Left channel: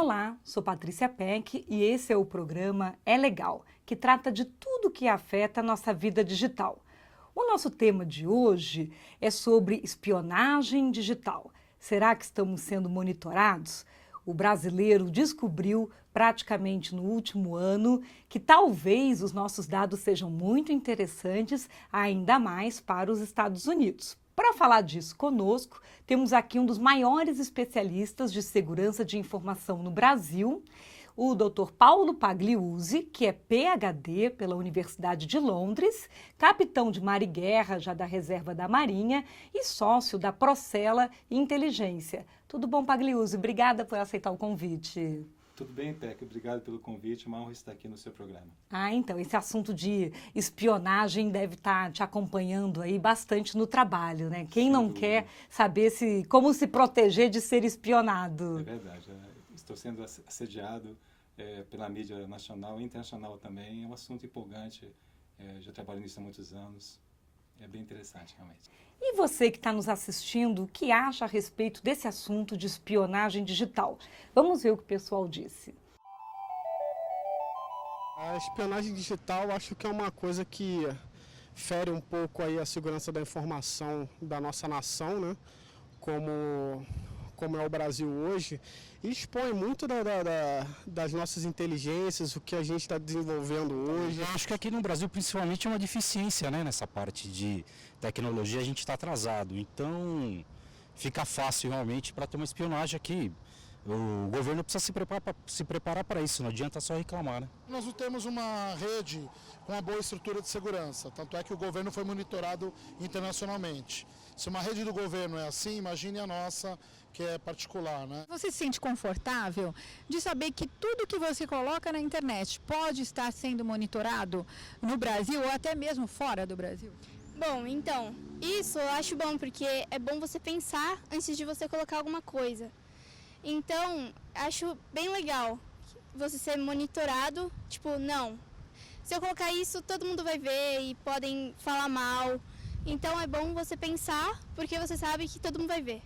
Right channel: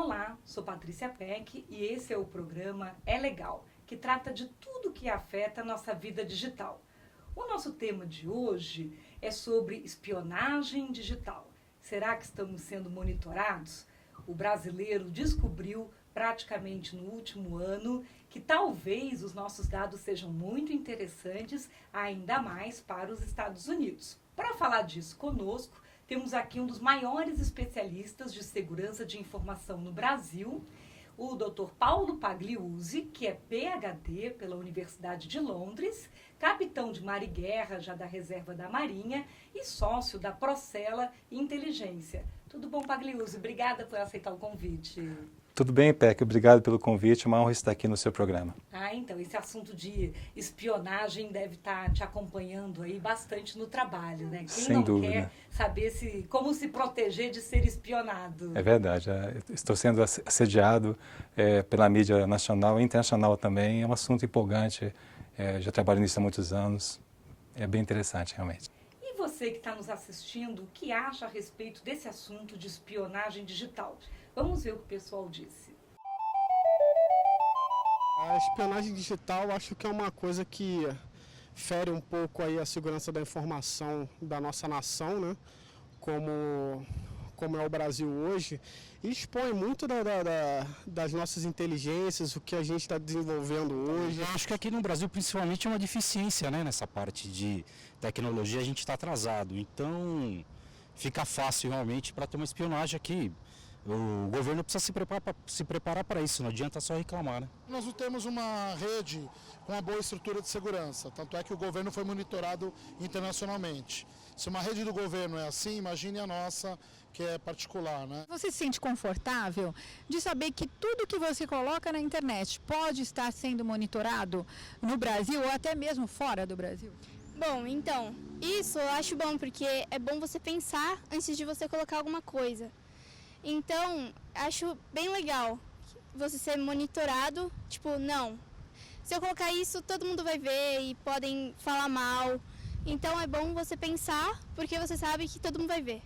Olá, sou Patrícia Peck e esse é o programa É Legal, que trata de tudo que afeta a nossa vida digital. O nosso tema de hoje é sobre espionagem digital. Será que estamos sendo monitorados? O brasileiro descobriu praticamente no último ano que talvez os nossos dados sejam muito interessantes, ainda mais para os Estados Unidos. Para falar disso conosco, temos aqui um dos maiores especialistas de segurança de informação no Brasil, o Dr. Paulo Pagliuzzi, que é PhD pela Universidade de Londres, capitão de mar e guerra já da Reserva da Marinha e sócio da Procela Inteligência. Tudo bom, Pagliuzzi? Obrigada por aceitar o convite. Tudo bem, Peck. Obrigado pelo convite. Uma honra estar aqui no seu programa. Então, esse assunto de espionagem deve estar te acompanhando aí bastante no trabalho, né? Quem Sem não dúvida. quer saber como se proteger de ser espionado? É verdade. Estou sendo assediado pela mídia nacional e internacional também. É um assunto empolgante. Já trabalho nisso há muitos anos. É bem interessante, realmente. E você que está nos assistindo, o que acha a respeito desse assunto de espionagem digital? Vamos ver o que o pessoal disse. A espionagem digital acho que é uma coisa que fere um pouco aí a segurança da informação da nossa nação, né? Como é o Brasil hoje, e expõe muito das nossas inteligências, o que a gente está desenvolvendo hoje. Eu acho que aqui no Brasil, principalmente, é uma deficiência, né, nessa parte de tecnologia, a gente está atrasado. Então, fica fácil realmente para ter uma espionagem aqui. O governo precisa se preparar para isso, não adianta só reclamar, né? Nós não temos uma rede com uma boa estrutura de segurança, tanto é que o governo foi monitorado internacionalmente. Se uma rede do governo é assim, imagine a nossa, que é particular, né? Você se sente confortável de saber que tudo que você coloca na internet pode estar sendo monitorado no Brasil ou até mesmo fora do Brasil? Bom, então, isso eu acho bom, porque é bom você pensar antes de você colocar alguma coisa. Então, acho bem legal você ser monitorado, tipo, não, se eu colocar isso, todo mundo vai ver e podem falar mal. Então, é bom você pensar, porque você sabe que todo mundo vai ver.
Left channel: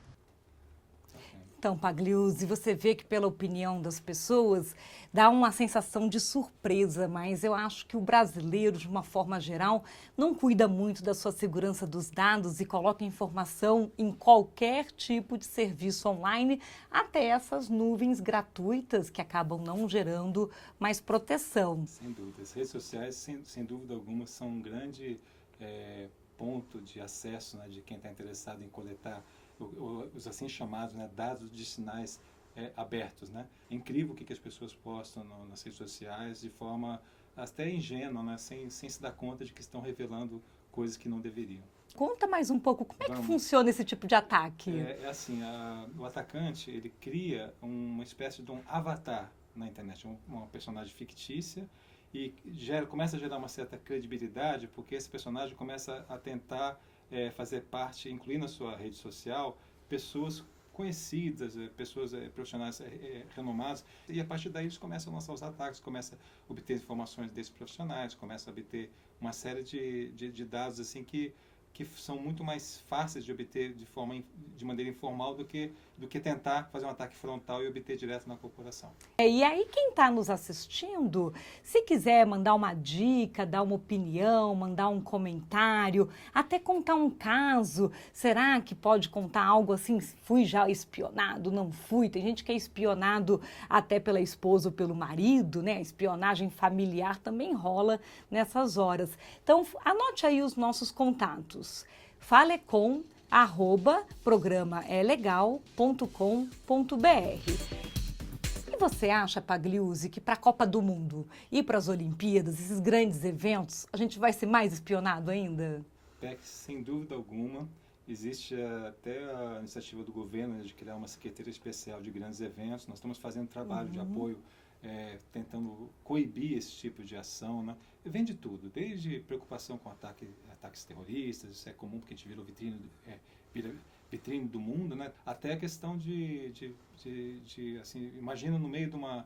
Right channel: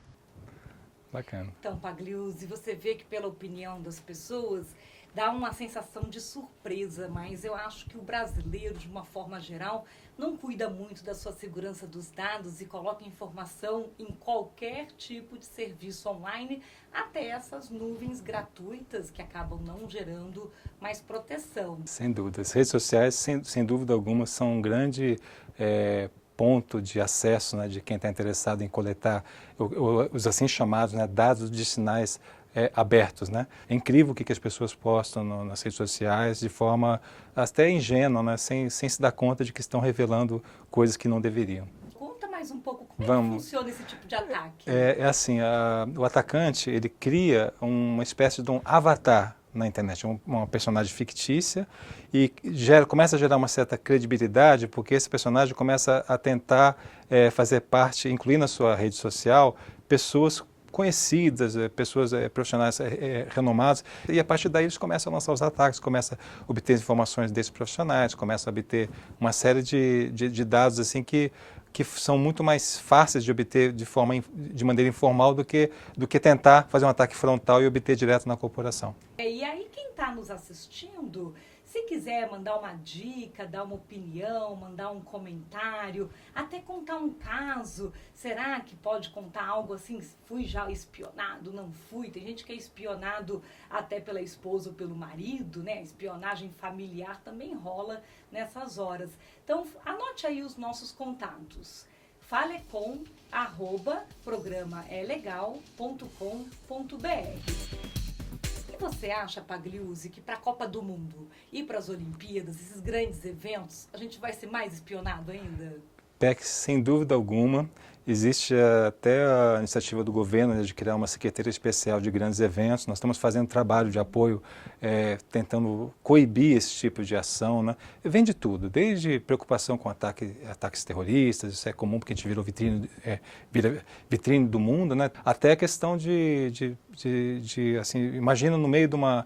Bacana. Então, Pagliuzzi, você vê que pela opinião das pessoas dá uma sensação de surpresa, mas eu acho que o brasileiro, de uma forma geral, não cuida muito da sua segurança dos dados e coloca informação em qualquer tipo de serviço online, até essas nuvens gratuitas que acabam não gerando mais proteção. Sem dúvida. As redes sociais, sem dúvida alguma, são um grande ponto de acesso, né, de quem está interessado em coletar os assim chamados, né, dados de sinais abertos, né? É incrível o que as pessoas postam nas redes sociais de forma até ingênua, né, sem se dar conta de que estão revelando coisas que não deveriam. Conta mais um pouco como é que funciona esse tipo de ataque. É assim, o atacante, ele cria uma espécie de um avatar na internet, uma personagem fictícia e começa a gerar uma certa credibilidade porque esse personagem começa a tentar fazer parte, incluir na sua rede social, pessoas conhecidas, pessoas profissionais renomadas, e a partir daí eles começam a lançar os ataques, começam a obter informações desses profissionais, começam a obter uma série de dados assim que são muito mais fáceis de obter de maneira informal do que tentar fazer um ataque frontal e obter direto na corporação. E aí quem está nos assistindo, se quiser mandar uma dica, dar uma opinião, mandar um comentário, até contar um caso, será que pode contar algo assim, fui já espionado, não fui? Tem gente que é espionado até pela esposa ou pelo marido, né? A espionagem familiar também rola nessas horas. Então, anote aí os nossos contatos. falecom@programaelegal.com.br. E você acha, Pagliuzzi, que para a Copa do Mundo e para as Olimpíadas, esses grandes eventos, a gente vai ser mais espionado ainda? Peck, sem dúvida alguma. Existe até a iniciativa do governo, né, de criar uma secretaria especial de grandes eventos. Nós estamos fazendo trabalho de apoio, tentando coibir esse tipo de ação, né? Vem de tudo, desde preocupação com ataques terroristas, isso é comum porque a gente virou vitrine do mundo, né? Até a questão assim, imagina no meio de uma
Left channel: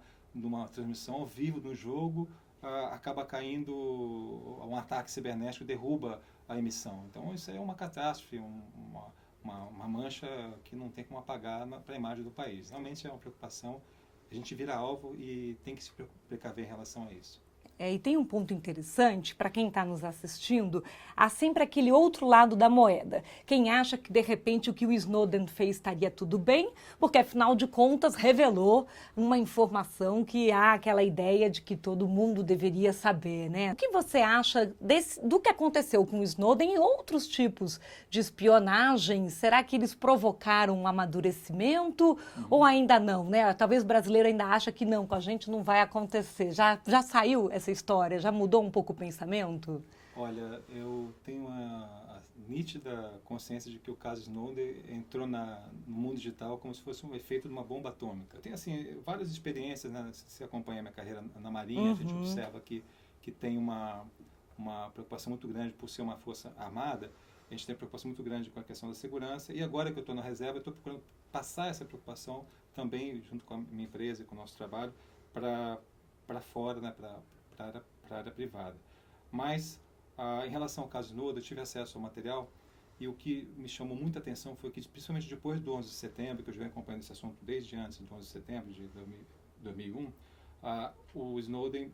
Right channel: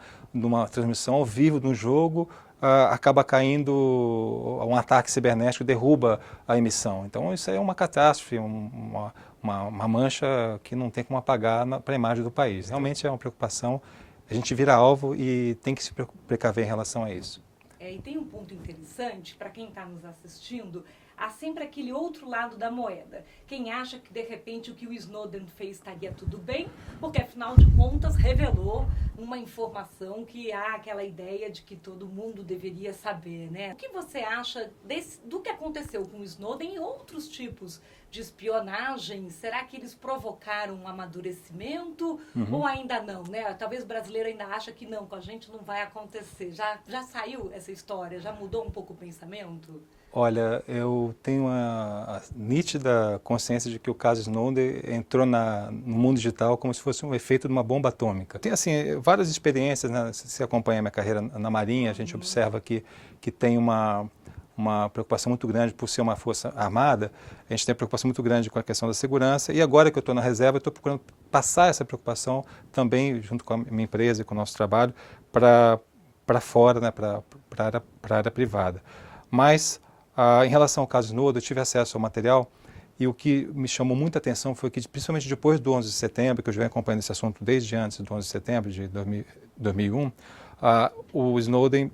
transmissão ao vivo de um jogo, acaba caindo um ataque cibernético, derruba a emissão. Então isso é uma catástrofe, uma mancha que não tem como apagar para a imagem do país. Realmente é uma preocupação a gente vira alvo e tem que se precaver em relação a isso. E tem um ponto interessante, para quem está nos assistindo, há sempre aquele outro lado da moeda. Quem acha que, de repente, o que o Snowden fez estaria tudo bem, porque, afinal de contas, revelou uma informação que há aquela ideia de que todo mundo deveria saber, né? O que você acha do que aconteceu com o Snowden e outros tipos de espionagem? Será que eles provocaram um amadurecimento ou ainda não, né? Talvez o brasileiro ainda acha que não, com a gente não vai acontecer. Já saiu essa história? Já mudou um pouco o pensamento? Olha, eu tenho uma nítida consciência de que o caso Snowden entrou no mundo digital como se fosse um efeito de uma bomba atômica. Tem, assim, várias experiências, né? Se acompanha a minha carreira na Marinha, a gente observa que tem uma preocupação muito grande por ser uma força armada, a gente tem uma preocupação muito grande com a questão da segurança, e agora que eu estou na reserva, eu estou procurando passar essa preocupação também, junto com a minha empresa e com o nosso trabalho, para fora, né? para a área privada. Mas, em relação ao caso Snowden, eu tive acesso ao material e o que me chamou muita atenção foi que, principalmente depois do 11 de setembro, que eu já venho acompanhando esse assunto desde antes do 11 de setembro de 2001, o Snowden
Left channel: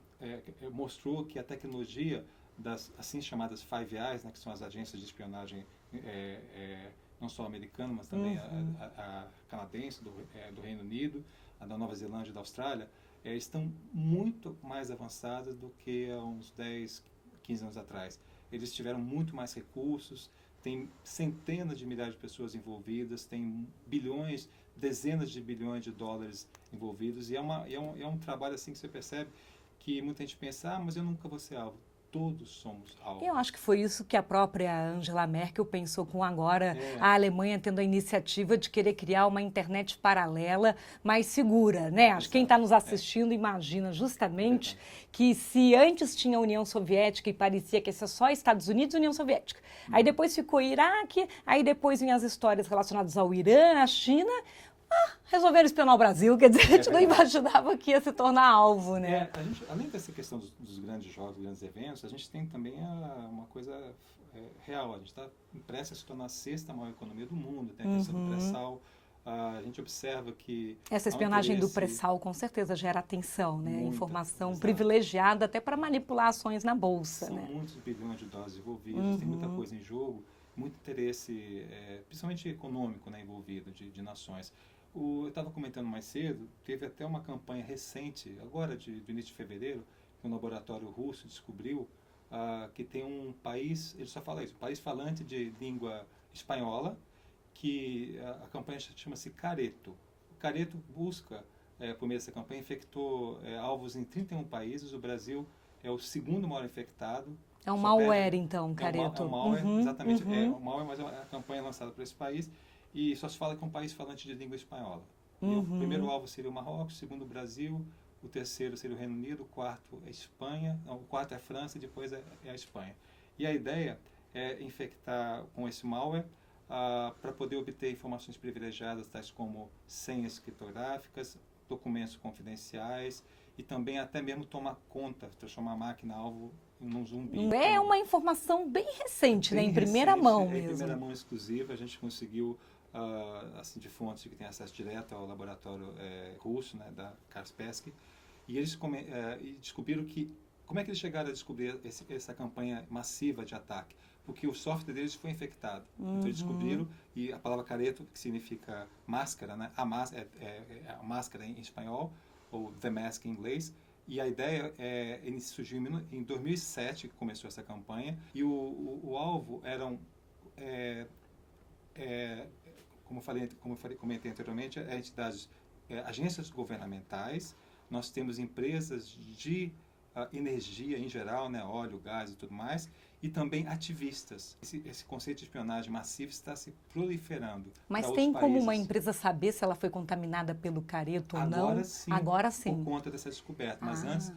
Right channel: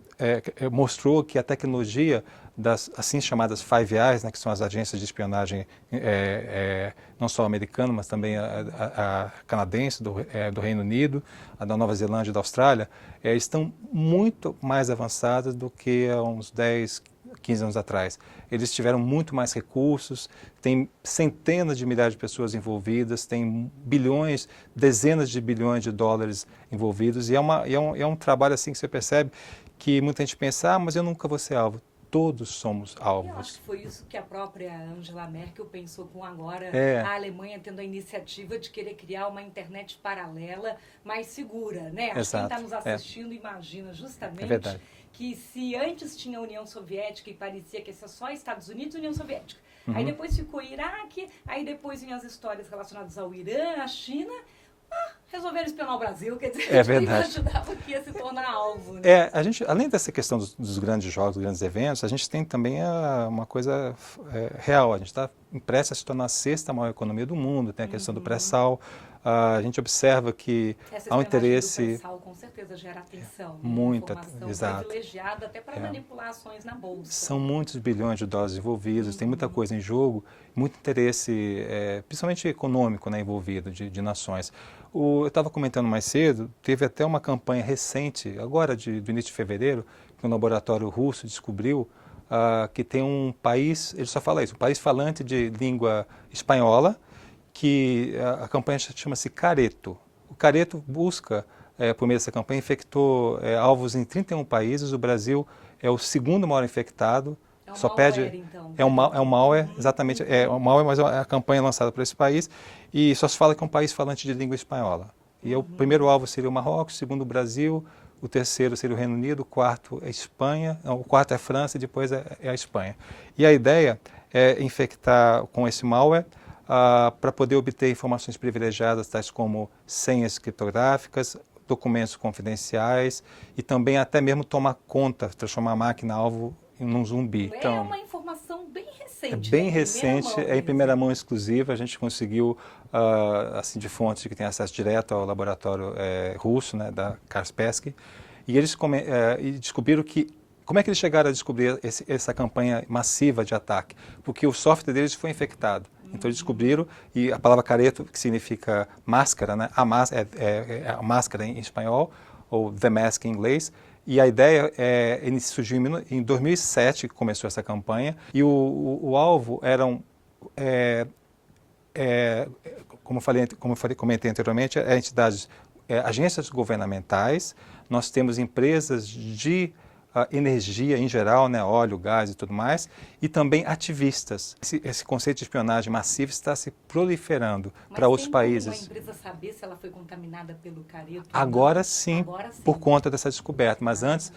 mostrou que a tecnologia das assim chamadas Five Eyes, né, que são as agências de espionagem não só americana, mas também a canadense, do Reino Unido, a da Nova Zelândia e da Austrália, estão muito mais avançadas do que há uns 10, 15 anos atrás. Eles tiveram muito mais recursos, tem centenas de milhares de pessoas envolvidas, tem bilhões, dezenas de bilhões de dólares envolvidos, e é um trabalho assim que você percebe que muita gente pensa, mas eu nunca vou ser alvo. Todos somos alvos. Eu acho que foi isso que a própria Angela Merkel pensou com agora a Alemanha tendo a iniciativa de querer criar uma internet paralela mais segura, né? Acho que quem está nos assistindo imagina justamente que se antes tinha a União Soviética e parecia que ia ser só Estados Unidos e União Soviética, aí depois ficou Iraque, aí depois vinham as histórias relacionadas ao Irã, à China, resolveram espionar o Brasil, quer dizer, a gente não imaginava que ia se tornar alvo, né? A gente, além dessa questão dos grandes jogos, dos grandes eventos, a gente tem também uma coisa real. A gente está prestes a se tornar a sexta maior economia do mundo, tem a questão do pré-sal. A gente observa que essa há um espionagem interesse... do pré-sal com certeza gera atenção, né? Muita, informação exato. privilegiada até para manipular ações na bolsa. São muitos bilhões de dólares envolvidos, tem muita coisa em jogo, muito interesse, principalmente econômico, né, envolvido, de nações. Eu estava comentando mais cedo, teve até uma campanha recente, agora do início de fevereiro, que um laboratório russo descobriu que tem um país, ele só fala isso, um país falante de língua espanhola, que a campanha chama-se Careto. O Careto busca, por meio dessa campanha, infectou alvos em 31 países, o Brasil é o segundo maior infectado. É um malware, então. É um malware, exatamente. É um malware, mas é a campanha lançada para esse país. E só se fala que é um país falante de língua espanhola. E o primeiro alvo seria o Marrocos, o segundo o Brasil, o terceiro seria o Reino Unido, o quarto é a Espanha, não, o quarto é a França e depois é a Espanha. E a ideia é infectar com esse malware para poder obter informações privilegiadas, tais como senhas criptográficas, documentos confidenciais e também até mesmo tomar conta, transformar a máquina alvo num zumbi. É uma informação bem recente, bem né? recente, Mão em primeira mão exclusiva. A gente conseguiu, assim, de fontes que têm acesso direto ao laboratório russo, né, da Kaspersky, e eles descobriram que, como é que eles chegaram a descobrir essa campanha massiva de ataque? Porque o software deles foi infectado. Então eles descobriram, e a palavra careto, que significa máscara, né? A máscara em espanhol, ou the mask em inglês. E a ideia surgiu em 2007, que começou essa campanha, e o alvo eram, como eu comentei anteriormente, entidades, agências governamentais. Nós temos empresas de energia em geral, né, óleo, gás e tudo mais, e também ativistas. Esse conceito de espionagem massiva está se proliferando para outros países. Mas tem como uma empresa saber se ela foi contaminada pelo careto? Agora sim, por conta dessa descoberta, mas antes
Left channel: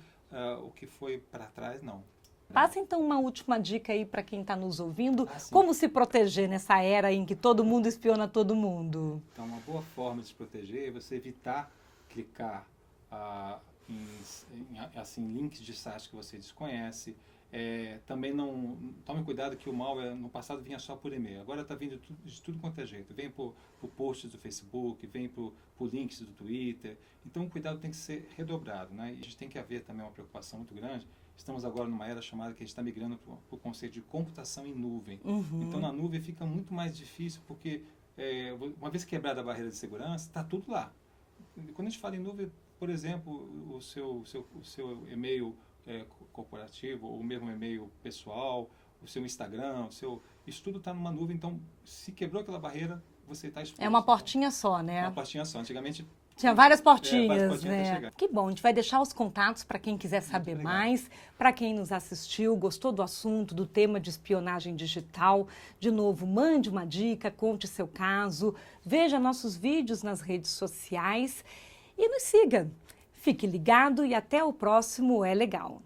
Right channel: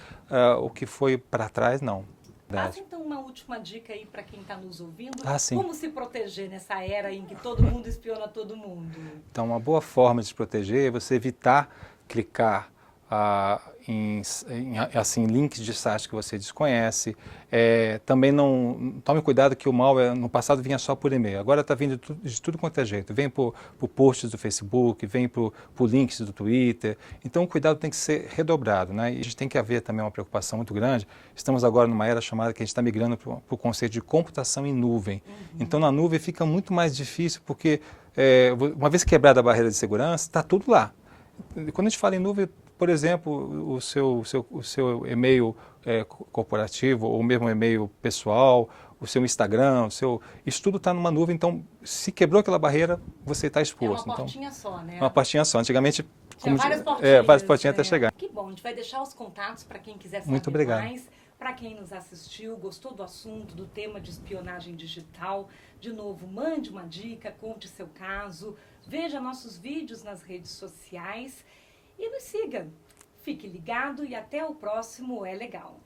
o que foi para trás, não. Passa então uma última dica aí para quem está nos ouvindo, como se proteger nessa era em que todo mundo espiona todo mundo? Então, uma boa forma de se proteger é você evitar clicar assim, links de sites que você desconhece. Também não tome cuidado que o malware no passado vinha só por e-mail, agora está vindo de tudo quanto é jeito. Vem por posts do Facebook, vem por links do Twitter. Então o cuidado tem que ser redobrado, né? E a gente tem que haver também uma preocupação muito grande. Estamos agora numa era chamada que a gente está migrando para o conceito de computação em nuvem. Então na nuvem fica muito mais difícil porque uma vez quebrada a barreira de segurança, está tudo lá. Quando a gente fala em nuvem, por exemplo, o seu e-mail corporativo ou mesmo e-mail pessoal, o seu Instagram, isso tudo está numa nuvem, então se quebrou aquela barreira, você está exposto. É uma portinha só, né? Uma portinha só. Antigamente tinha várias portinhas. Várias portinhas até chegar. Que bom, a gente vai deixar os contatos para quem quiser saber mais. Para quem nos assistiu, gostou do assunto, do tema de espionagem digital, de novo, mande uma dica, conte seu caso, veja nossos vídeos nas redes sociais e nos siga. Fique ligado e até o próximo É Legal.